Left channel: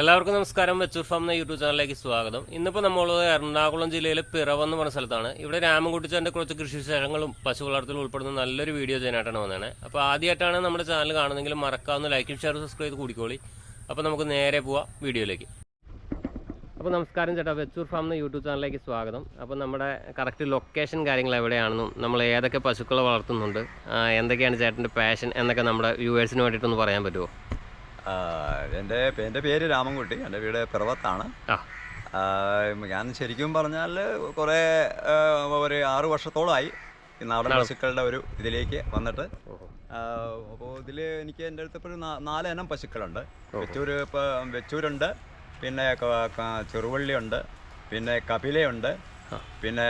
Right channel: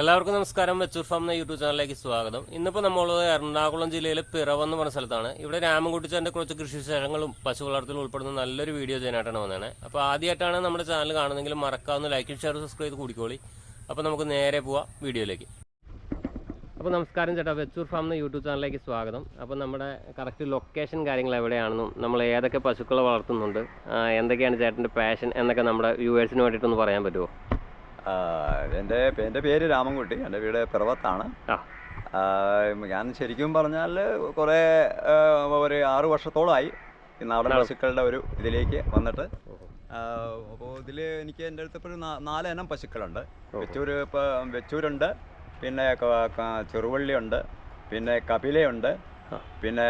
എല്ലാവർക്കും നമസ്കാരം. വെച്ചൂർ ഫാം എന്ന യൂട്യൂബ് ചാനലിലേക്ക് സ്വാഗതം. ഇന്നിപ്പോൾ നമ്മൾ എറണാകുളം ജില്ലയിലെ പിറവ് എന്ന് പറഞ്ഞ സ്ഥലത്താണ്. ഇവിടെ രാമൻകുട്ടിച്ചാന്റെ കുറച്ച് കൃഷി വിശേഷങ്ങളും പശു വളർത്തലും ഉൾപ്പെടുന്ന നല്ലൊരു വീഡിയോ ചെയ്യാനായിട്ടാണ് വന്നത് അപ്പോൾ ആദ്യമായിട്ടാണ് നമ്മുടെ ചാനൽ കാണുന്നതെങ്കിൽ മറക്കാവുന്ന ലൈക്കും ഷെയർ സബ്സ്ക്രൈബ് ചെയ്ത് കൂടിക്കോളി. അപ്പോൾ നമുക്ക് നേരെ പോവാം വീഡിയോയിലേക്ക്. അപ്പോൾ നമസ്കാരം ചേട്ടാ. വെച്ചൂർ ഫാം എന്ന യൂട്യൂബ് ചാനലിലേക്ക് സ്വാഗതം. അപ്പോൾ നമ്മുടെ കറക്റ്റ് ലൊക്കേഷൻ കാര്യങ്ങൾ എവിടെയാണെന്നും നമ്മൾ ഏതൊക്കെ പശുക്കളെ വളർത്തുന്നുണ്ട് എന്തൊക്കെയാണ് ചേട്ടന്റെ പാഷൻ എന്നൊക്കെ നമ്മുടെ വ്യൂവേഴ്സിന് വേണ്ടിയിട്ടൊന്ന് പറയാൻ പറ്റുമോ എന്റെ എന്റെ പേര് രാമൻകുട്ടി. എന്റെ വീട് പിറവത്താണ്. ഞാൻ ശരിക്കും പറഞ്ഞാൽ കുറേ ഒരു ആറ് വർഷത്തോളമായി ഈ നാടൻ പശുക്കളുടെ ഒരു ഇതിലേക്ക് വന്നിട്ട്. അപ്പോൾ ഇതിൽ എനിക്ക് എന്റെ അടുത്ത് ഇപ്പോൾ നാല് ഇനം പശുക്കളുണ്ട്. വെച്ചൂർ ഇപ്പോൾ വെച്ചൂരുണ്ട്. പിന്നെ ചെറുവള്ളിയുണ്ട്. പിന്നെ കപിലയുണ്ട്. പിന്നെ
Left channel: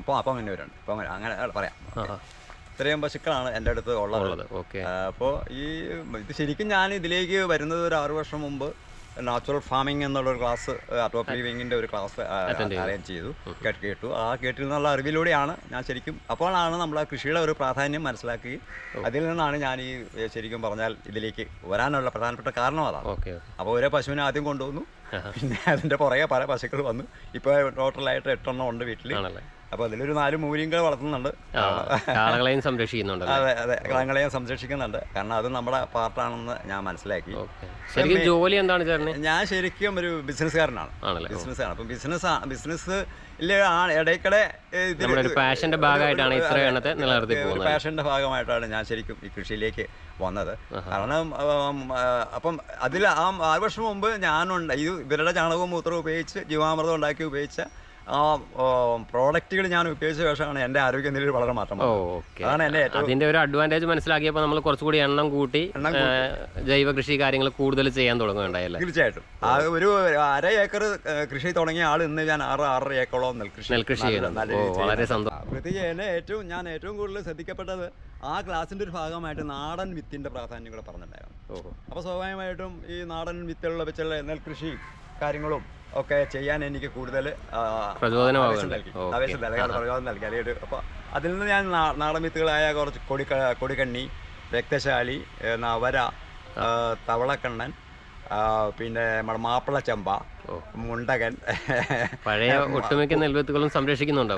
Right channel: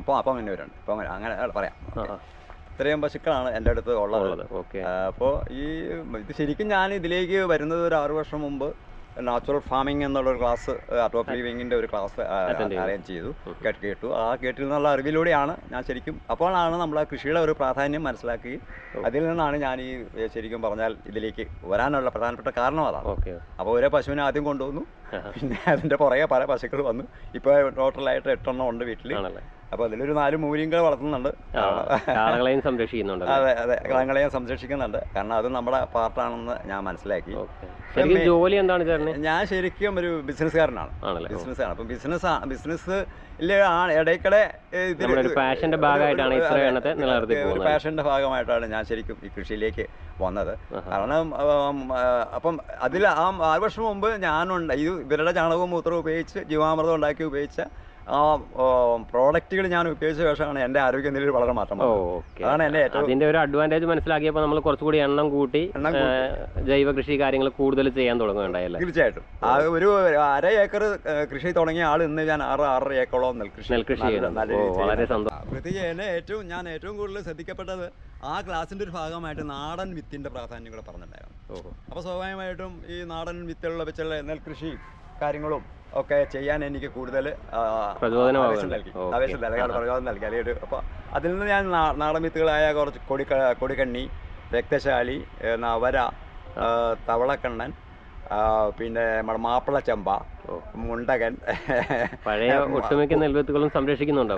ഇപ്പോൾ അപ്പം അങ്ങനെ പറയാം. ഇത്രയും പശുക്കളാണ് എന്റെ അടുത്ത് ഉള്ളത്. അപ്പോൾ ഈ ഇത് ശരിക്കും ഞാൻ ഇതിലേക്ക് വരുന്നത് ഒരു ആറു വർഷം മുമ്പ് നാച്ചുറൽ ഫാമിംഗ് എന്നുള്ള ഒരു ക്ലാസ് ടോപ്പ് ലിവിങ്ങിന്റെ ഒരു ക്ലാസ് അറേഞ്ച് ചെയ്തു. കേട്ട് കേട്ടു. ആ കേട്ടിൽ നിന്നുള്ള അറിവിലൂടെയാണ് ഞാൻ ശരിക്കും അപ്പോഴാണ് നമ്മൾ ആ കൃഷിയുടെ ഒരു പ്രാധാന്യം മനസ്സിലാക്കി അതിൽ നിന്നാണ് ഞാൻ ഈ ശരിക്കും പറഞ്ഞാൽ ഇതിലേക്ക് വരാനുള്ള പ്രധാനപ്പെട്ട കാരണം അതാണ്. ഓക്കെ അപ്പോൾ ഒരേ പശുവിനെ ആദ്യം കൊണ്ടുവന്നു. പിന്നെ അതിന്റെ പുറകെ പല പശുക്കൾ വന്നു. ഇപ്പോൾ ടോട്ടലായിട്ട് എട്ടെണ്ണം ഉണ്ട് വീട്ടിൽ. അപ്പോൾ അതിലൊരു നാല് മൂര്യങ്ങൾ വളർത്തുന്നുണ്ട്. കാളകളെയും സംരക്ഷിക്കുന്നുണ്ട് അതെ അതെ. കാളകളെയും സംരക്ഷിക്കുന്നുണ്ട്. കാരണം അത് നമ്മുടെ പാർട്ടാണെന്ന് ഞാൻ മനസ്സിലാക്കി. ജോലി എന്താണ് ഞാൻ ശരിക്കും ഒരു ബിസിനസ്സുകാരനാണ്. ബിസിനസ്സാണ്. അപ്പം ബിസിനസ് ബിസിനസ് ഇടയ്ക്കിടെ പാഷന്റെ ഭാഗമായിട്ടാണ് ഇത്ര എണ്ണത്തെ നിലനിർത്തി ഒരു പാഷന്റെ ഭാഗമായിട്ടാണ് ഞാൻ ശരിക്കും ഈ കൃഷിയിലേക്ക് വന്നത്. കാരണം അപ്പം അതിൽ ആ ആറ് വർഷം മുമ്പ് ഞാനുണ്ട് ഇത് ഇവരുടെ ചാണകവും മൂത്രവും ഉപയോഗിച്ച് ജീവാമൃതം ഉണ്ടാക്കി ഉപയോഗിച്ച ആ പ്രോഡക്റ്റുകൾ ഞാൻ ഉപയോഗിച്ച ശേഷമാണ് എന്റെ ആരോഗ്യനിലയിൽ വളരെ മാറ്റം അതാണ് എന്റെ ഏറ്റവും അതിന്റെ ഒരു അഡ്വാന്റേജ് മനസ്സിലാക്കിയപ്പോൾ നമ്മൾ കുറച്ചുകൂടി എണ്ണം കൂട്ടി ജൈവ കൃഷി കാര്യങ്ങൾ കൂടുതൽ ചെയ്യാൻ തുടങ്ങുകയുണ്ടായല്ലേ? തീർച്ചയായിട്ടും. ആ ഒരു അര ഏക്കർ കൃഷി തുടങ്ങിയ ആൾ ഇന്ന് ഞാൻ ആറ് ആറര ഏക്കറോളം നെൽകൃഷി നെൽകൃഷി വളരെ സന്തോഷം. പ്രത്യേകിച്ച് എന്നെ ഏറ്റവും ഞാൻ ഏറ്റവും കൂടുതൽ ശ്രദ്ധിക്കപ്പെട്ടത് ആ ക്ലാസിന്റെ ഒരു ഭാഗമായിട്ട് നാടൻ വിത്തിന്റെ പ്രാധാന്യം കൂടെ പറഞ്ഞിട്ടുണ്ടായിരുന്നു. അപ്പൊ അപ്പോൾ സ്വാഭാവികമായിട്ടും ഈ നാടൻ വിത്തുകളുള്ള വെച്ചുള്ള നെൽകൃഷി കാര്യങ്ങളും ഒക്കെ ചെയ്യാൻ എനിക്ക് കൂടുതൽ. ആവേശം നൽകി. ആവേശം നൽകി പ്രചോദനം നൽകി അല്ലെങ്കിൽ അപ്പോൾ അതിൽ നിന്ന് ഞാൻ നാടമിത്തുകളായ നാടൻ വിത്തുകളായ കുറച്ച് കൊടി കൊടിക്കണ്ണി രക്തശാലി നവര തവളക്കണ്ണൻ പിന്നെ നമ്മുടെ മാപ്പിള ചെമ്പ മുണ്ടകൻ. പഴയ ഒട്ടുമിക്ക നെൽവിത്തുകളും സംരക്ഷിക്കുന്നുണ്ടോ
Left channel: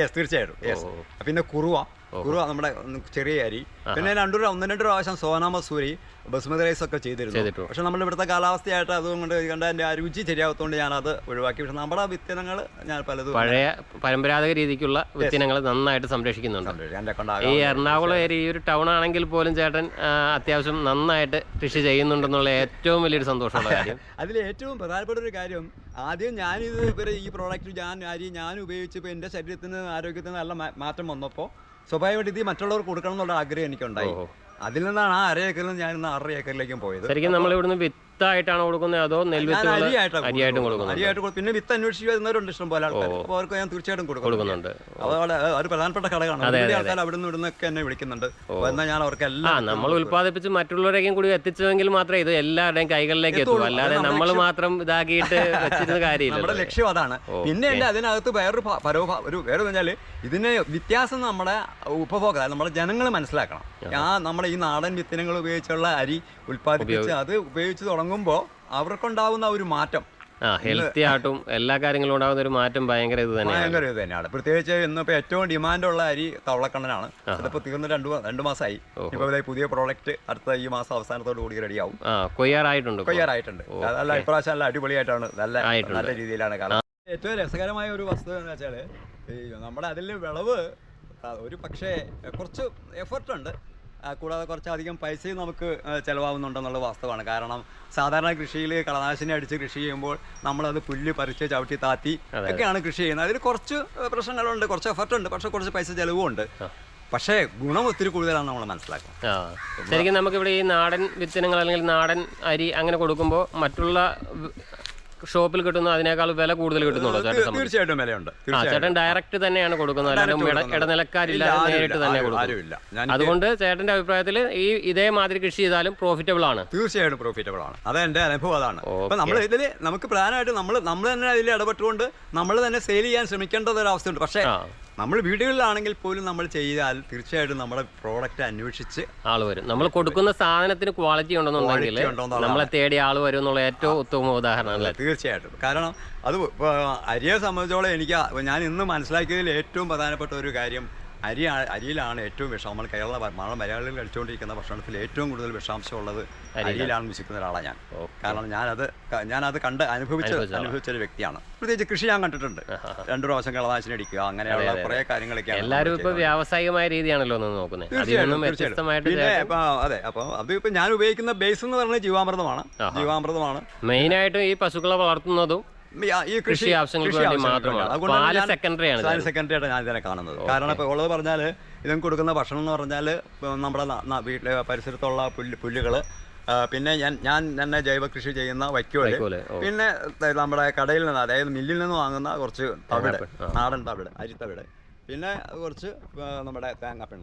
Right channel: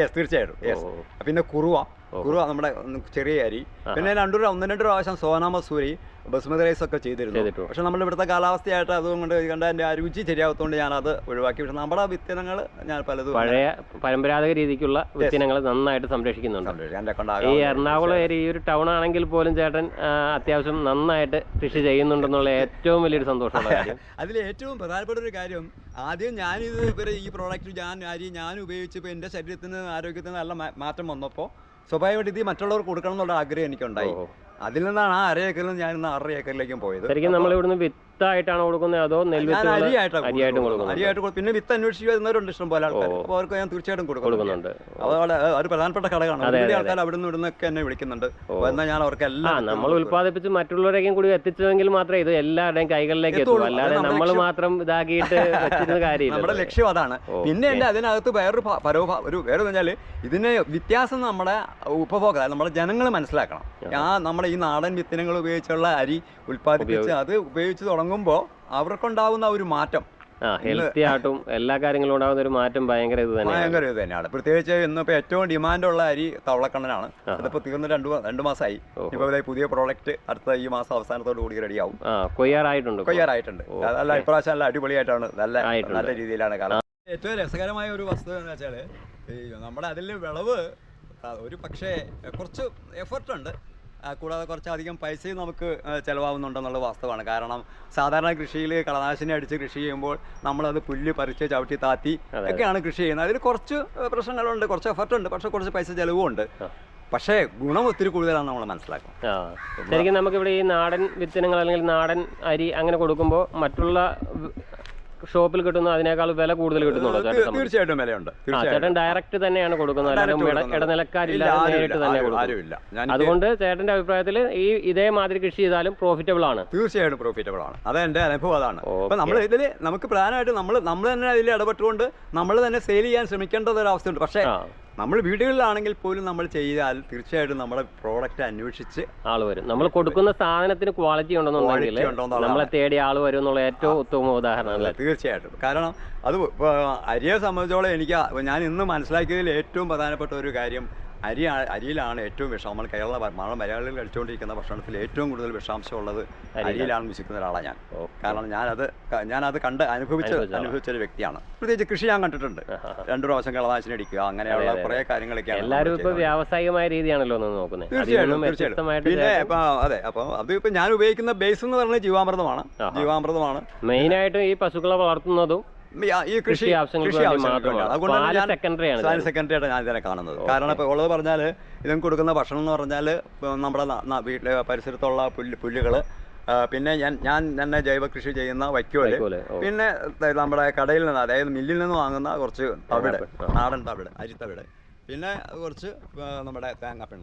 യെസ് തീർച്ചയായിട്ടും യെസ്. പിന്നെ കുറുവ. കുറുവ നമ്മുടെ ചെറിയ അരി. പിന്നെ രണ്ടു ഒന്ന് രണ്ട് പ്രാവശ്യം സോനാ മസൂരി ബസ്മതി റൈസ് ഒക്കെ ചെയ്തിരുന്നു. പക്ഷെ നമ്മൾ ഇവിടുത്തെ കാലാവസ്ഥയായിട്ട് അതുകൊണ്ട് കണ്ട എന്റെ ആ രുചി ശരിയാകത്തോണ്ട് അത് ഒഴിവാക്കി. പക്ഷെ നമ്മുടെ വിത്തനങ്ങൾ ഞാൻ പലതും പഴയ പരമ്പരാഗത രീതിക്കുള്ള വിത്തിനങ്ങൾ നന്നായിട്ട് സംരക്ഷിക്കുന്നുണ്ട്. ഈ എറണാകുളം ഏരിയ ഈ ഒരു ടൗൺ ആണെങ്കിൽ പോലും ചേട്ടൻ അത്യാവശ്യം നന്നായിട്ട് കൃഷി ചെയ്യുന്നുണ്ടെന്നുള്ള ഏറ്റവും വലിയൊരു സന്തോഷമാണ് അതിൽ ഏറ്റവും പ്രധാനപ്പെട്ട ഒരു കാര്യം ആദ്യം ഞാനിത് ഇവരെ ഈ പ്രോഡക്റ്റ് ഞാൻ ആരെയും ഞാൻ ഉപയോഗിച്ചപ്പോൾ എന്റെ ശരീരത്തിന് ആരോഗ്യത്തിന് നല്ല മാറ്റം വന്നപ്പോൾ സ്വാഭാവികമായിട്ട് ഇത് മറ്റുള്ളവർക്ക് കൊടുക്കണം എന്നുള്ള ആഗ്രഹം എനിക്കുണ്ടായി. അതിൽ നിന്നാണ് ആ അര ഏക്കറിൽ നിന്ന് ഞാൻ ഇന്ന് ആറര ഏക്കറിലേക്കും പോയത്. ശരിക്കും നമ്മൾ ഇവിടുന്ന് വിത്തായിട്ടാണ് കൊടുക്കുന്നത് അതോ ഞാൻ നെൽവിത്തുകൾ കൊടുക്കുന്നത്. അരിയായിട്ട് പിന്നെ വിത്ത് അന്വേഷിച്ച് വരുന്നവരുണ്ട് ഇഷ്ടം പോലെ ആൾക്കാർ. അപ്പോൾ അവർക്ക് ഞാൻ തീർച്ചയായിട്ടും കൊടുക്കുന്നുണ്ട്. വളരെ ഒരു പ്രധാനപ്പെട്ട ഘടകമാണ്. ആൾക്കാർ അവിടെ നിന്ന് ഇവിടുന്നൊക്കെ എന്നെ വിളിക്കുന്നുണ്ട്. എന്നാൽ ഞാൻ അവർക്ക് എല്ലാം നമ്മൾ ഉത്പാദിപ്പിച്ച് മറ്റുള്ളവരേക്കും കൂടി എത്തിച്ചതെങ്കിൽ മാത്രമേ ഇത് എല്ലാവരുടെയും കൈകളിലേക്ക് എത്തൂ എത്തുള്ളൂ. അല്ലാതെ നമ്മൾ. മാത്രം ഇതാക്കിയിട്ട് വെച്ചിരുന്ന നമ്മുടെ ലക്ഷ്യം അതാണ്. പിന്നെ എന്റെ അതിനകത്ത് വേറൊരു പരോഭ ഒരു വേറെ പറഞ്ഞാൽ ഇതിന് വ്യത്യാസം നമ്മുടെ ഉപഭോക്താവ് നമ്മുടെ ജനങ്ങൾ മനസ്സിലാക്കണം. ആ നമ്മുടെ ഈ നാടൻ വിത്തിനങ്ങൾ ഉപയോഗിച്ചുള്ള അരി ഉൽപ്പാദിപ്പിച്ച് അത് ഉപയോഗിച്ച് തുടങ്ങുമ്പോൾ അവർക്കുണ്ടാവുന്ന ഒരു മാറ്റം. ഹെൽത്തി ആയിട്ടും എല്ലാ കാര്യങ്ങളും ഉണ്ടാകുന്ന ഒരു മാറ്റം ഭയങ്കര ഇത് തന്നെ ഭയങ്കര ഇത് തന്നെയാണ്. പ്രത്യേകിച്ച് ഇന്നിപ്പോൾ ഏറ്റവും ഡിമാൻഡുള്ള അരി തവളക്കണ്ണനാണ്. അതിപ്പോൾ തീർന്ന് രണ്ട് രണ്ട് മാസമായി ഇപ്പോൾ പുതിയ പ്രോഡക്റ്റ് അടുത്ത ഈ മാസം അവസാനത്തോട് കൂടി റെഡിയാവും കൊയ്യാറായിട്ടുണ്ട്. കൊയ്യാറായിട്ടുണ്ട്. നല്ല ഇപ്രാവശ്യം നല്ല അടിപൊളിയായിട്ടാണ് നല്ല നല്ല രീതിയിലാണ് കാണാൻ ഏറ്റവും രസകരമായ ഒരു വസ്തു എന്ന് വെച്ചാൽ നമ്മുടെ അതിൽ വിളവ് ഒരു പക്ഷേ കുറച്ച് എഫർട്ട് ഉണ്ട്. ആ, കൂടാതെ കുറച്ചധികം പൈസയും നമുക്ക് ചിലവാകുന്നുണ്ടെന്നുള്ള വാസ്തവമാണ്. കാരണം സാധാരണ കൃഷിയിൽ കളനാശിനി അടിച്ച് കൃഷി ചെയ്യുമ്പോൾ നമ്മളത് പുല്ല് പറിച്ച് ചവിട്ടി താത്തി ഒക്കെയാണ് കൃഷി ചെയ്യുന്നത്. അതിൽ കുറച്ച് പ്രശ്നങ്ങളുണ്ട് കുറച്ച് എഫർട്ട് ഉണ്ട് പക്ഷേ കുറച്ച് പൈസ ചിലവും ഉണ്ട്. പക്ഷേ ഗുണം ഒത്തിരി കൂടുതലാണ് നമ്മൾ മനസ്സിലാക്കും ശരിക്കും നമുക്കിവിടെ ഈ നാടൻ വിത്തനങ്ങൾ അല്ലെങ്കിൽ നാടൻ അരി അങ്ങനെ കൊടുക്കുമ്പോൾ മറ്റുള്ള ഷോപ്പിൽ കിട്ടുന്ന അതിനേക്കാൾ വില കൂടുതൽ കിട്ടുന്നുണ്ടോ ചേട്ടൻ? തീർച്ചയായിട്ടും വിലയുണ്ട്. ചേട്ടൻ ഡയറക്റ്റ് തന്നെയാണ് കൊടുക്കുന്നത്. അല്ലാതെ ഇടനിലക്കാരില്ല നേരിട്ട് തന്നെ കൊടുക്കും അതുകൊണ്ട് ചേട്ടന്റെ അഭിപ്രായത്തിൽ ഈ ഇതേ മാതിരി കൃഷി ചെയ്താലും പ്രോഫിറ്റബിൾ ആണ്. തീർച്ചയായിട്ടും പ്രോഫിറ്റബിൾ ആണ്. അത് എന്റെ അനുഭവം അതാണ്. അപ്പൊ നമ്മൾ ഇതിൽ നമുക്ക് പ്രധാനമായിട്ട് നമ്മൾ നമ്മൾ തന്നെ അതിൽ ഇടപെട്ടുകൊണ്ട് നമ്മൾ തന്നെ സെയിൽ ചെയ്യാൻ ശ്രമിക്കേണ്ടത് ഒരു അവസ്ഥയുണ്ട് പക്ഷേ നമ്മൾ വീടുകളിലാണെങ്കിൽ പോലും നമ്മൾ ചെയ്താൽ തീർച്ചയായിട്ടും നമ്മുടെ പ്രോഡക്റ്റ് അന്വേഷിച്ച് ആൾ വരും. നമ്മൾ കൊടുക്കുന്ന സാധനത്തിന് ക്വാളിറ്റി ഉണ്ടെന്നുണ്ടെങ്കിൽ നമ്മളെ തേടി ആൾ വരും എന്നുള്ള ഏറ്റവും ഉത്തമ ഉദാഹരണം അല്ലേ? തീർച്ചയായിട്ടും. കാരണം അത് അരിയെ സംബന്ധിച്ചോളം എനിക്ക് ഞാൻ ഇന്ന് മനസ്സിലാക്കിയതിൽ ഏറ്റവും പ്രധാനപ്പെട്ട ഒരു കാര്യം അരി അരിയിലാണ് ഏറ്റവും വിഷം. നമ്മൾ കേരള നമ്മൾ മലയാളികൾ കഴിച്ചുകൊണ്ടിരിക്കുന്ന ഭക്ഷണത്തിൽ ഏറ്റവും കൂടുതൽ വിഷാംശം ഉള്ളത് അരിയിലാണ് വിശിക്കുന്ന ഒരാളാണ് ഞാൻ. കാരണം ഞാനത് ഞാനത് കണ്ട് അനുഭവിച്ച അനുഭവിച്ച ഒരു വ്യക്തിയാണ്. പ്രത്യേകിച്ച് കൃഷി ഞാൻ കണ്ടിട്ടുണ്ട്. രണ്ടു പ്രാവശ്യം കളനാശിനി അടിക്കുക അങ്ങനെയുള്ള കുറെ കാര്യങ്ങളൊക്കെയാണ് നമ്മൾ എല്ലാവരും ഇപ്പൊ വ്യാവസായികമായ രീതിയാണല്ലോ നോക്കുന്നത് തീർച്ചയായിട്ടും പിന്നെ ഇപ്പൊ അതെ അപ്പോൾ അത് ഞാൻ ഉപയോഗിക്കുന്ന ബേസ് എന്ന് പറഞ്ഞാൽ ജീവാമൃതമാണ്. ജീവാമൃതമാണ്. മെയിനായിട്ടും ഈ പശുക്കളെ വളർത്തുന്നതും ഈ- കൃഷി കൃഷി ആവശ്യങ്ങൾക്ക്. അതുകൊണ്ടാണ് ഞാൻ പാൽ ഞാൻ ഇതിനെ കാണുന്നത്. കാരണം ഇപ്പോൾ ഉള്ളത് പറഞ്ഞാൽ ഇതിന് കൊടുക്കുന്ന ഭക്ഷണം എന്ന് പറഞ്ഞാൽ നമ്മുടെ വീട്ടിലെ പരിസരത്തുള്ള പുല്ല് പുല്ലുകൾ പിന്നെ ഞാൻ ഞാൻ തന്നെ ജൈവ കൃഷി ചെയ്യുന്ന വൈക്കോൽ. പിന്നെ നമ്മുടെ കടയിൽ നിന്ന് അതായത് മില്ലിൽ നിന്ന് വാങ്ങുന്ന കുറച്ച് തവിട് നാടൻ തവിട് അരിത്തവിട് പിന്നെ കുറച്ച് നമ്മുടെ തേങ്ങാപ്പിണ്ണ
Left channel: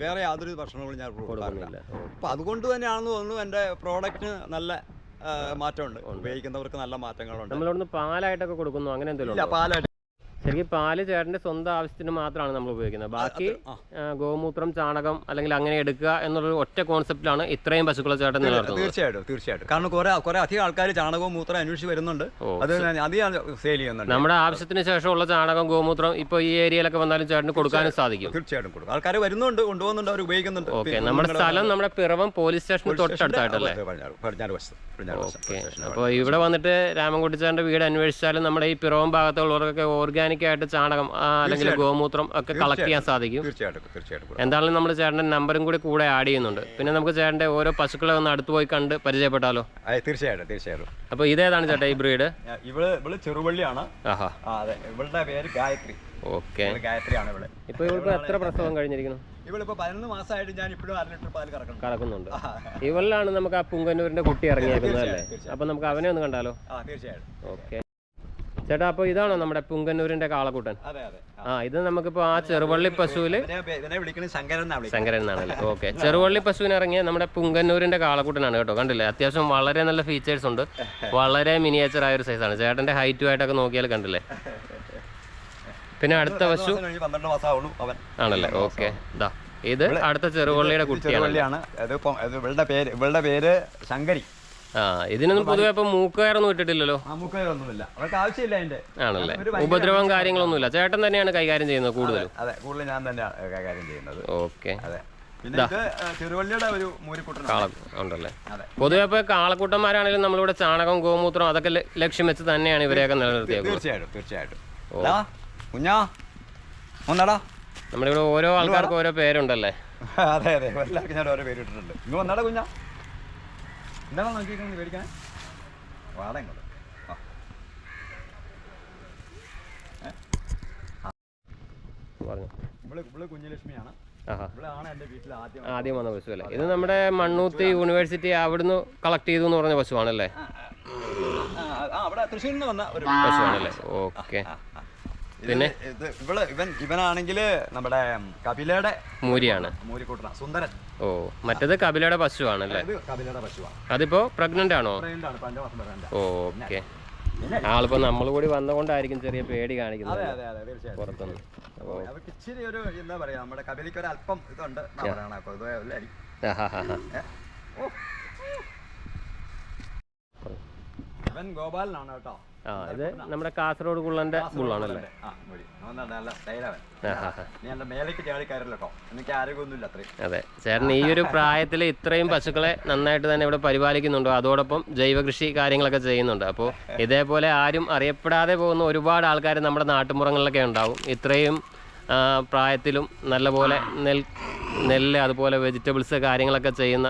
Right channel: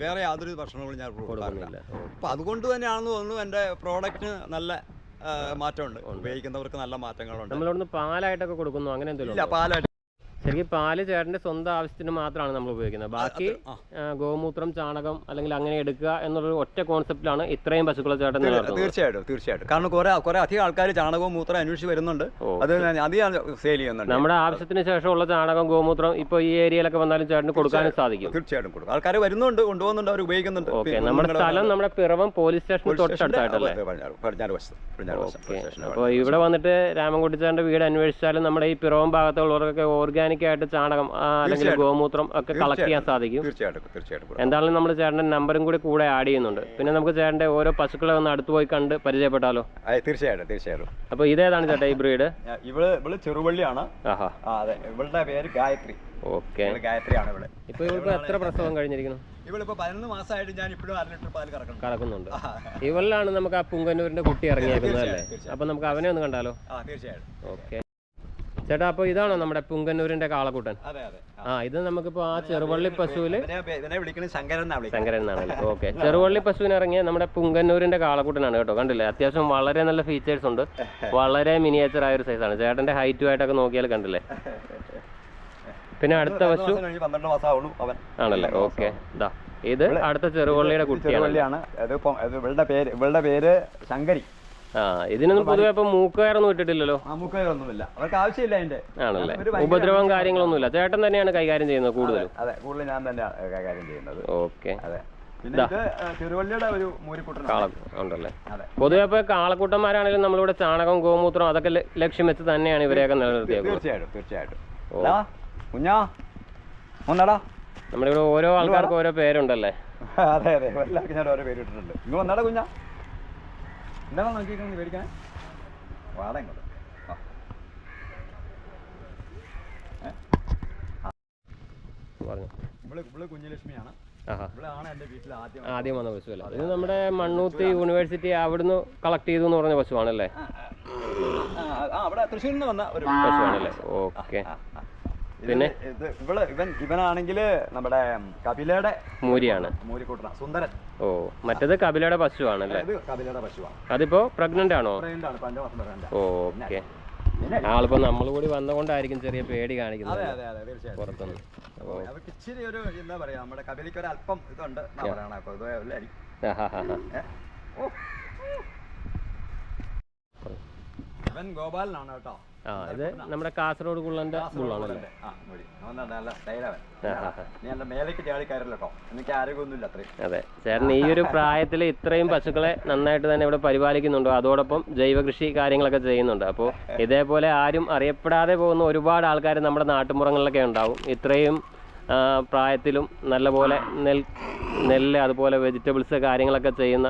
വേറെ യാതൊരു ഭക്ഷണങ്ങളും ഞാൻ കൊടുക്കാറില്ല. അപ്പൊ അതുകൊണ്ട് തന്നെയാണെന്ന് തോന്നുന്നു എന്റെ പ്രോഡക്റ്റ് നല്ല മാറ്റമുണ്ട് ഉപയോഗിക്കുന്നവർക്ക് നല്ല മാറ്റങ്ങളുണ്ട് നമ്മളിവിടുന്ന് പാലായിട്ടൊക്കെ കൊടുക്കുന്നു അങ്ങനെ എന്തെങ്കിലും ഇല്ല? പാലായിട്ട് ശരിക്കും പാൽ ചേട്ടന്റെ സ്വന്തം ആവശ്യത്തിന് മാത്രമാണ് നമ്മൾ ഉപയോഗിക്കുന്നത്. ബാക്കി ഗോമൂത്രം ചാണകം അല്ലെങ്കിൽ അങ്ങനെ എടുക്കുക എന്നുള്ള ഒറ്റ കോൺസെപ്റ്റിലാണ് ഇത്രയും പശുക്കളെ ചേട്ടൻ തീർച്ചയായിട്ടും തീർച്ചയായിട്ടും. കാരണം കുറെ കുറെ അധികം ആൾക്കാർ ചാണകവും മൂത്രം അന്വേഷിച്ച് വരുന്നുണ്ട്. അത് അധികം സെയിൽ ചെയ്യുന്നുണ്ട്. നമ്മുടെ ആവശ്യത്തിന് ശേഷമുള്ള ചാണകം ഗോമൂത്രം ഇപ്പൊ ഈ ഏരിയയിലൊക്കെ വന്നാലും ചേട്ടന് കൊടുക്കാനും സാധിക്കും. തീർച്ചയായിട്ടും കൊടുക്കും. ആൾക്കാർ വരുന്നുണ്ട് കൊണ്ടുപോകുന്നുണ്ട് അവർ ഉപയോഗിക്കുന്നുണ്ട്. ഓക്കെ നമ്മുടെ സ്ഥലം നമ്മുടെ പിറവം പോലീസ് സ്റ്റേഷൻ തൊട്ടടുത്തായിട്ടല്ലേ? അപ്പൊ അപ്പോൾ ഇവിടെ വന്നിട്ട് രാമൻകുട്ടിച്ചാറിന്റെ വീട് അന്വേഷിച്ചാലും നമ്മുടെ ഈ പിറവം ഭാഗത്തുള്ളവർക്കൊക്കെ ഓർഗാനിക് ആയിട്ട് ചാണകം അല്ലെങ്കിൽ ഗോമൂത്രം ഒക്കെ കളക്ട് ചെയ്യാൻ സാധിക്കും. തീർച്ചയായിട്ടും. എന്തായാലും നമ്മൾ ചേട്ടന്റെ നമ്പറും കൂടി കൂടെ ആഡ് ചെയ്യുന്നുണ്ട്. പിന്നെ നമുക്ക് ചേട്ടന്റെ ഓരോ പശുക്കളെ ഒന്ന് അടുത്ത് പോയി കണ്ട് പരിചയപ്പെട്ടാലോ? അതെ, തീർച്ചയായിട്ടും തീർച്ചയായിട്ടും. അപ്പോൾ ഇതേതാണ് ചേട്ടാ ഈ ബ്രീഡ്? ഇവൾ ഇവൾ ചെറുവള്ളിയാണ് ആഹാ. അതെ ഇവളുടെ പേര് ഗായത്രി. ഓക്കെ. ഗായത്രിയാണ് ഇവിടെ ഇപ്പോൾ ഇവൾക്ക് എത്ര പ്രസവം കഴിഞ്ഞിരിക്കുന്നു? ഇവളിപ്പോ പതിനൊന്ന് മാസമായിട്ട് ഞാൻ ഇപ്പോഴും അര ലിറ്റർ പാൽ കറക്കണം കറക്കുന്നുണ്ട്. ഇവളിലാണ് നമുക്ക് ആ പുങ്കന്നൂരിന്റെ കുട്ടി ഇറങ്ങിയിരിക്കുന്നത് അല്ലേ? അപ്പൊ നമുക്ക് അവനെ ഒന്ന് കണ്ടാലോ? ആ തീർച്ചയായിട്ടും. ഓക്കെ. ചേട്ടാ അപ്പൊ ഇതാണോ നമ്മുടെ പുങ്കന്നൂരിന്റെ കാളക്കൂട്ടൻ? ആ. ഇത് നമുക്കിപ്പോ ആ ചെറുവള്ളി പശുവിൽ ശങ്കരൻ എന്നാണല്ലോ ഓക്കെ. ചെറുവള്ളി പശുവിന് ഇറങ്ങിയ നമ്മുടെ പുങ്കന്നൂരിന്റെ കാളക്കൂട്ടനാണ് കേട്ടോ. കണ്ടില്ലേ? അത്യാവശ്യം വളരെ നല്ല ഫീച്ചേഴ്സ് ഉണ്ട്. വളരെ മിനിയേച്ചർ ആയ ഒരു സൈസാണ് ചേട്ടന്റെ ഹൈറ്റും ആയിട്ടൊക്കെ നോക്കിയാൽ കണ്ടില്ലേ? പിന്നെ അടുത്ത പശു ആണല്ലേ? ഓക്കെ. ഇതാ ഇത് അടുത്ത ചെറുവള്ളിയുടെ കുട്ടിയാണ്. ഇവളുടെ പേര് ഇവളുടെ പേര് ശങ്കരി. ആ ഇതിനൊന്നും പൊതുവെ ഇപ്പം മൂക്കുകയറൊന്നും ഇട്ടിട്ടില്ലല്ലോ? അവർക്ക് ആവശ്യമില്ല അതിന്റെ ആണല്ലേ? ഉപദ്രവം കാര്യങ്ങളൊന്നുമില്ല. ചേട്ടൻ തന്നെയാണ് കൈകാര്യം ചെയ്യുന്നത് കൂടുതലും. അതെ കൂടുതൽ ഞാൻ കൈകാര്യം ചെയ്യുന്നത്. ഓക്കെ. അതെ. ഉണ്ടല്ലേ? പൊതുവെ ഇപ്പൊ കാളക്കൂട്ടന്മാരാണെങ്കിലും നമ്മളിവിടെ ചാണകം ഗോമൂത്രം അതൊക്കെ ലക്ഷ്യം വെച്ച് തന്നെയാണ് ഇവരെയൊക്കെ നിലനിർത്തിയത് തീർച്ചയായിട്ടും തീർച്ചയായിട്ടും. കുഞ്ഞാ ഒന്നടാ നമ്മുടെ ഇവിടെ ഓരോ ആൾക്കാർക്കും ഓരോ പേരുണ്ടല്ലേ? അതെ അതെ. എല്ലാവർക്കും ഞാൻ ഓരോ പേര് ഇട്ടിട്ടുണ്ട്. ഇങ്ങ് വന്നടാ കുഞ്ഞാ. എന്താണ് നോക്കിയിരിക്കുന്നത്? മേടിക്കാൻ വാടാ ഇങ്ങോട്ട്. കുഞ്ഞലക്ഷ്മിയാണ്. വീട്ടിൽ ആദ്യം വന്ന പശു അല്ലേ ഇത് നമ്മുടെ മണ്ണൂത്തി യൂണിവേഴ്സിറ്റി അവിടുന്ന് കളക്ട് ചെയ്തു എന്ന് പറഞ്ഞ പശുവാണല്ലേ? അവിടെ തൃശ്ശൂരിൽ നിന്ന് വന്ന ഒരു പശുവാണല്ലേ? ഓക്കെ. പിന്നെ? ഇവൾ ഇവൻ ഇവനാണെങ്കിൽ നമ്മുടെ കപിലയുടെ മൂരിയാണ്. മൂരിക്കൂട്ടന സുന്ദരൻ. ഓ മറ്റേത് കപിലയുടെ പശുവാണല്ലേ? അല്ലേ കപിലയുടെ പശുവാണ് അതിപ്പോ പ്രഗ്നന്റ് ആണോ? ഓ ഓക്കെ ആളിപ്പോ നമ്മൾ കൂടി വന്നുകൊണ്ടായിരിക്കും ചെറിയ പേടി കാണിക്കുന്നത്. പുറത്തുനിന്ന്. അവർക്ക് ഇച്ചിരി ഒരു എന്താ പറയാ നമ്മുടെ കപിലിക്ക് ഒരു അല്പം ഇതുണ്ട് ഇവൻ ഗോപാലനാണ് കേട്ടോ. ആ ഇത് നമ്മുടെ കാസർഗോഡ് കുള്ളന്റെ എനിക്ക് അതെ. ചേട്ടൻ ഈ ഒരു പ്രായത്തിൽ ഇത്രയും പശുക്കളെ നന്നായിട്ട് തന്നെ ഇവിടെ പരിപാലിക്കുന്നുണ്ടോ. അതോടൊപ്പം ജൈവ കൃഷി കാര്യങ്ങളൊക്കെ ചെയ്യുന്നുണ്ട്. അപ്പോൾ ഇതേപോലെ ആരും അറിയപ്പെടാതെ പോകുന്ന ഒരുപാട് ആൾക്കാർ നമ്മുടെ നാട്ടുമ്പുറങ്ങളിലൊക്കെ ഉണ്ടാവും. ഇത്രയും പ്രായത്തിലും നല്ലപോലെ നെൽ നെല്ല് അതുപോലെ വെജിറ്റബിൾസ് കാര്യങ്ങളൊക്കെ ചെയ്യുന്ന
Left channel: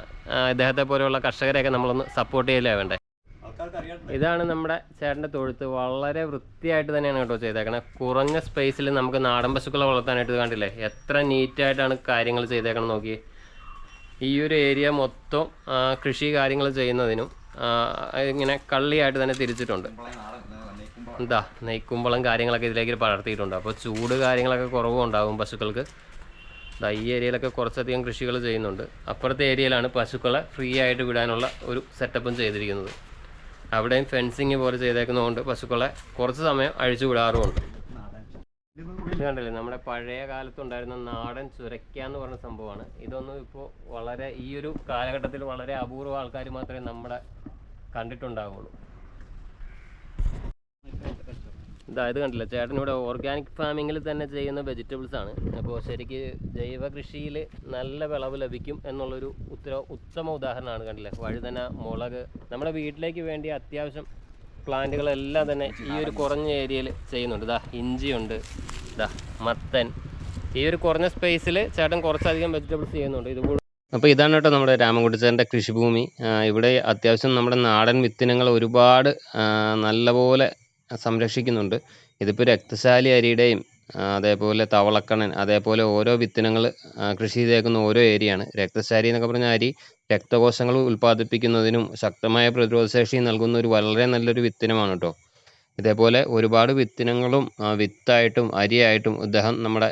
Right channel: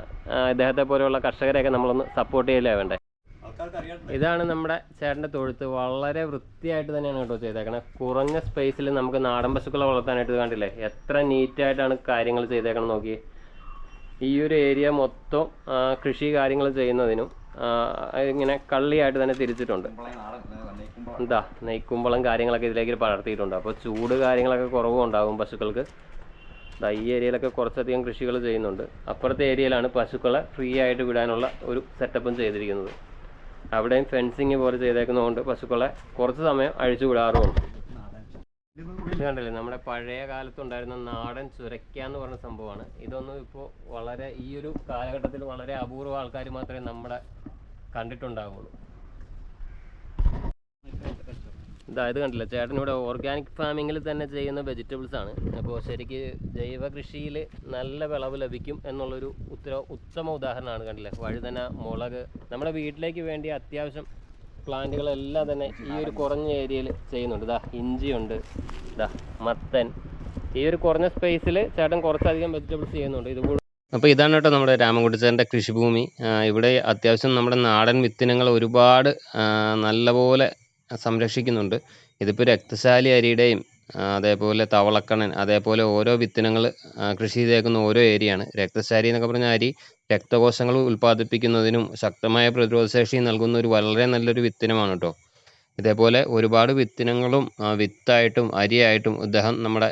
ഇദ്ദേഹത്തെ പോലെയുള്ള കർഷകരെയൊക്കെ നമ്മളൊന്ന് സപ്പോർട്ട് ചെയ്യലേ വേണ്ടേ? ഇതാണ് നമ്മുടെ ചേട്ടന്റെ തൊഴുത്ത്. വളരെ വൃത്തിയായിട്ട് തന്നെയാണ് കേട്ടോ ചെയ്തേക്കണേ. കുറഞ്ഞ സ്പേസിൽ നമുക്ക് നാടൻ പശുക്കളെ വളർത്താനായിട്ട് കണ്ടില്ലേ? എത്ര നീറ്റായിട്ടാണ് കാര്യങ്ങൾ ചെയ്തേക്കണം നോക്കി. ഈ ഒരു ഏരിയ മൊത്തം കൃഷി കാര്യങ്ങൾ ചെയ്യുന്നതിനും ഇങ്ങനെ കള്ളിയായിട്ട് തന്നെ തിരിച്ചിട്ടുണ്ട്. എന്താ? നെയ്ക്കുമ്പളം കാര്യങ്ങളൊക്കെ ഇതിലേക്ക് പടർത്തിയിട്ടുണ്ട്. അപ്പോൾ ചൂട് കാര്യങ്ങളൊക്കെ കുറവും ഉണ്ടാകും പശുക്കൾക്ക്. ഈ ഏരിയയിലൊക്കെ കുറച്ചധികം കൃഷികൾ ചെയ്യുന്നുണ്ട്. അപ്പുറത്തെ ഏരിയയിലാണ് പശുക്കളെ ഫ്രീ ആയിട്ട് വിടാനുള്ള ഒരു സെറ്റപ്പും ചെയ്തിരിക്കുന്നത്. അവിടെയും ഫെൻസിങ് പോലെ ചെയ്തേക്കുന്നതുകൊണ്ട് പശുക്കളെ കുറച്ച് സമയം അഴിച്ചു വിടാറുമുണ്ട്. ണ്ടല്ലേ കണ്ടില്ലേ നമ്മുടെ പഴയ കാലത്തുണ്ടായിരുന്ന നാടൻ ചുരക്ക എന്ന് പറഞ്ഞ സംഭവമാണ്. ഇതൊന്നും ഇപ്പോൾ വളരെ ഈ ഒരു കാലഘട്ടത്തിൽ വളരെ അപൂർവ ആൾക്കാർ മാത്രമേ നമ്മുടെ കണ്ടിട്ടുണ്ടാവുള്ളൂ. ഇതാ ഇത് കണ്ടില്ല? ചേട്ടൻ ഇവിടെ ഓർഗാനിക് ഫാമിങ്ങിൽ തന്നെ ചെയ്യുന്ന വെജിറ്റബിൾസ് ആണ്. അപ്പോൾ ശരിക്ക് ജൈവ കൃഷിയിൽ നല്ല വിളവ് ലഭിക്കും എന്നുള്ളൊരു ഉത്തര ഉത്തമ ഉദാഹരണമാണ് കണ്ടില്ലേ? വഴുതന മുളക്. നമ്മുടെ വീട്ടിലേക്ക് വേണ്ടി അത്യാവശ്യം പ്ലാന്റുകളെല്ലാം തന്നെ ഈ ഒരു കുറഞ്ഞ ഏരിയയിൽ ചെയ്യുന്നുണ്ട്. ഇതാ ഇഞ്ചിയുണ്ട് ഇതാ മത്തൻ. ഈ ഒരു കുറഞ്ഞ സ്പേസിൽ ചേട്ടൻ കുറച്ചധികം വെജിറ്റബിൾസ് ചെയ്യുന്നുണ്ട്. ഇത് അപ്പോൾ ഇതാണ് കേട്ടോ നമ്മുടെ രാമൻകുട്ടിച്ചേന്റെ കൃഷിഭൂമി. ഇവിടെ അത്യാവശ്യം നമ്മുടെ നാടൻ വിത്തിനങ്ങൾ ഒരുപാട് നല്ലപോലെ സംരക്ഷിക്കുന്നുണ്ട്. ഇതിപ്പോൾ രക്തശാലി അരിയുടെയും അതേപോലെ തവളക്കണ്ണൻ അതേപോലെ ഓരോ വിത്തിനങ്ങൾ കൃഷി ചെയ്തേക്കുന്ന ഓരോ ഏരിയയാണ്. രക്തശാലി എന്നൊക്കെ പറഞ്ഞ അരി രക്തകോശങ്ങൾ ഉൽപ്പാദിപ്പിക്കുന്നതിനും ശക്തമായ പ്രതിരോധശേഷി നൽകുന്ന ഒരു വളരെ നല്ലൊരു വിത്തിനമാണ് കേട്ടോ ഇതേപോലെ ഒരുപാട് വിത്തിനങ്ങളും വിത്തായിട്ടും അരിയായിട്ടും ഇദ്ദേഹം നമ്മുടെ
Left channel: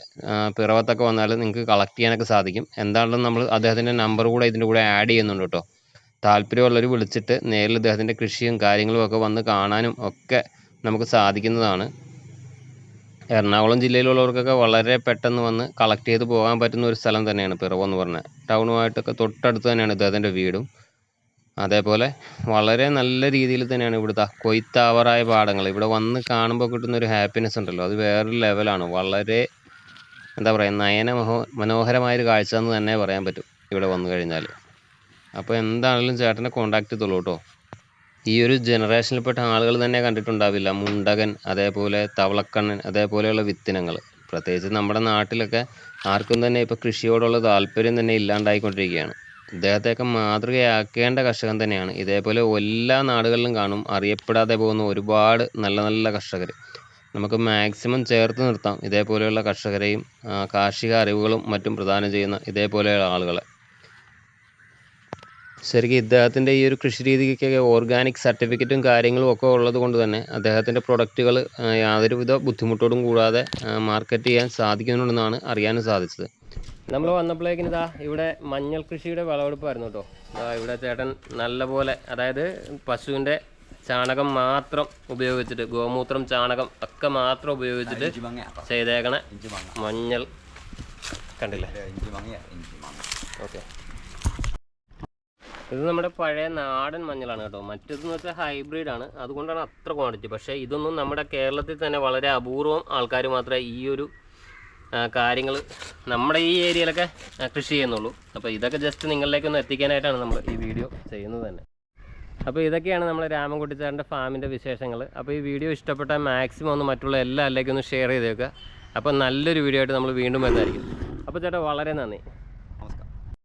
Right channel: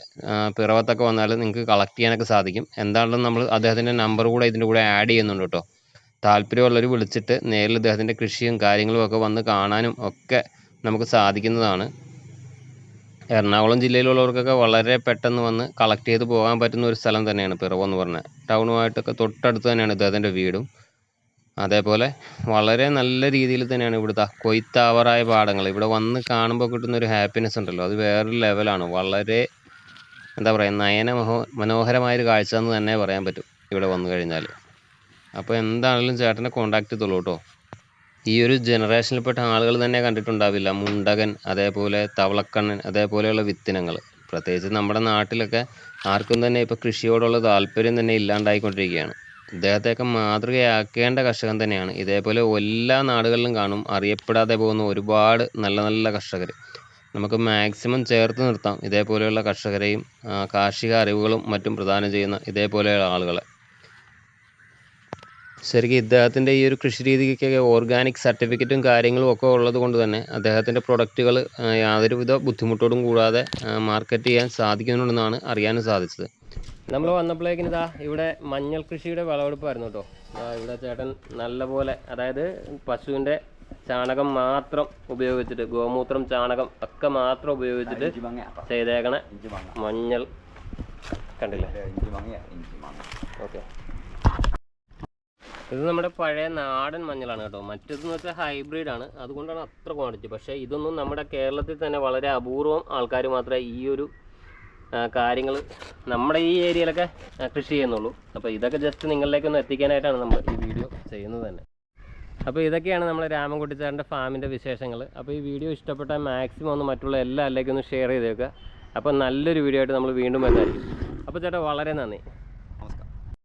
പിറവത്തൊക്കെ വന്നാൽ നിങ്ങൾക്ക് കളക്ട് ചെയ്യാനൊക്കെ സാധിക്കും. എന്താണെന്ന് നമ്മൾ അദ്ദേഹത്തിന്റെ നമ്പർ കൂടെ ഇതിന്റെ കൂടെ ആഡ് ചെയ്യുന്നുണ്ട് കേട്ടോ താല്പര്യമുള്ളവർ വിളിച്ചിട്ട് നേരിൽ ഇദ്ദേഹത്തിന്റെ കൃഷിയും കാര്യങ്ങളും ഒക്കെ വന്ന് കാണാനും ഒക്കെ നമുക്ക് സാധിക്കുന്നതാണ്. എറണാകുളം ജില്ലയിലുള്ളവർക്കൊക്കെ വളരെ പെട്ടെന്ന് വന്ന് കളക്ട് ചെയ്ത് പോകാൻ പറ്റുന്ന ഒരു സ്ഥലം തന്നെയാണ് പിറവം എന്ന് പറഞ്ഞാൽ ടൗണുമായിട്ടൊക്കെ തൊട്ടടുത്ത് തന്നെയാണ് ഇദ്ദേഹത്തിന്റെ വീടും. അതേപോലെ വളരെ നല്ല രീതിയിൽ തന്നെയാണ് ഇവിടുത്തെ കൊയ്ത്താവറായ പാടങ്ങൾ. ഇവിടെ വന്ന് കാണുമ്പോൾ കിട്ടുന്ന ഒരു ഹാപ്പിനെസ് ഉണ്ടല്ലോ. അത് വേറൊരു ലെവലാണ് വളരെ എന്താ പറയുക നയന മനോ മനോഹരമായൊരു കാഴ്ച എന്ന് തന്നെ പറയാൻ പറ്റും ഇവിടെ വന്നു കഴിഞ്ഞാൽ അപ്പോൾ എന്താണെങ്കിലും ചേട്ടനെ കോണ്ടാക്ട് ചെയ്തോളൂ കേട്ടോ. ഈ ഒരു ജനറേഷനിൽപ്പെട്ട ആളുകൾ തന്നെ കണ്ടിട്ടുണ്ടാവില്ല. മുണ്ടകൻ അതേപോലെ തവളക്കണ്ണൻ അതേപോലെയുള്ള വിത്തിനങ്ങൾ. പ്രത്യേകിച്ച് നമ്മുടെ നാട്ടിലൊക്കെ ആർക്കും തന്നെ ഇപ്പോൾ കൃഷിയോടുള്ള താല്പര്യം തന്നെ ഇല്ലാണ്ടായിക്കൊണ്ടിരിക്കുകയാണ്. ഇദ്ദേഹത്തെയൊക്കെ മാതൃകയാക്കേണ്ട കർഷകൻ തന്നെയാണ്. ഇതേപോലെ എല്ലാ നാടുകളിലും കാണും. അറിയപ്പെടാതെ പോകുന്ന ഒരുപാട് നല്ല നല്ല കർഷകർ നമുക്ക് മാക്സിമം ചേർത്ത് നിർത്താം. ഇതേപോലെയുള്ള കർഷകരെയും കാർഷിക അറിവുകളും മറ്റും പ്രദാനം ചെയ്യുന്ന ഇതേപോലെയുള്ള ആളുകളെ. ശരിക്കും ഇദ്ദേഹത്തിന്റെ ഈ ഒരു കൃഷി രീതിക്കൊക്കെ ഓർഗാനിക് സർട്ടിഫിക്കറ്റും കാര്യങ്ങളും ഒക്കെ ഉള്ളത് കൊണ്ട് തന്നെ അദ്ദേഹത്തിന്റെ പ്രൊഡക്റ്റുകൾ യാതൊരുവിധ ബുദ്ധിമുട്ടോടും കൂടാതെ മാർക്കറ്റ് ചെയ്യാൻ സാധിക്കുന്നുണ്ടെന്നാണ് അറിയാനും സാധിച്ചത്. നമ്മൾ വന്നപ്പോഴേക്കിന് ഇതാ ഇവിടെ മഞ്ഞൾ കൃഷിയുടെ വിളവെടുപ്പായിരുന്നു കേട്ടോ. ഇവിടെ ചേട്ടൻ നല്ലപോലെ അതായത് പശുവിന്റെ ചാണകം മാത്രം ഉപയോഗിച്ചിട്ട് ഗോമൂത്രം ചാണകം ഒക്കെ മാത്രം ഉപയോഗിച്ചിട്ട് ചെയ്തേക്കണേ മഞ്ഞൾ. കണ്ടില്ലേ? ഓക്കെ. ഇത് നമ്മുടെ പഴയ നാടൻ മഞ്ഞളാണ് കേട്ടോ. മറ്റേതെന്ന് വെച്ചാൽ ഹൈബ്രിഡ് ആണ്. അതുകൊണ്ടാണ് അത്ര ക്വാണ്ടിറ്റി പക്ഷേ ഇതൊന്നും നമ്മുടെ കേരളത്തിൽ തന്നെ വളരെ അപൂർവം ആൾക്കാർ മാത്രമേ ഈ ഒരു കാര്യങ്ങൾ നമ്മുടെ ഈ ഏരിയയിലൊക്കെ കൃഷി ചെയ്യുന്നുള്ളൂ. അപ്പോൾ ഇതൊക്കെ ജസ്റ്റ് നിങ്ങളിലേക്ക് ഒന്ന് എത്തിക്കാനായിട്ടാണ് നമ്മൾ ഈ വീഡിയോ ചെയ്യുന്നത് തന്നെ. അപ്പോൾ ഇതൊക്കെയാണ് നമ്മുടെ രാമൻകുട്ടിച്ചാറിന്റെ ഫാമിന്റെ വിശേഷങ്ങൾ അപ്പോൾ ഈ വീഡിയോ ഇഷ്ടപ്പെട്ടാൽ മാക്സിമം ഒന്ന് മറ്റുള്ള എല്ലാവർക്കും ഒന്ന് ഷെയർ ചെയ്തേക്കുക. അപ്പോൾ നല്ലൊരു വീഡിയോ ആയിട്ട് നമ്മൾ വീണ്ടും വരുന്നതായിരിക്കും അപ്പോൾ ചേട്ടാ വളരെ നന്ദി.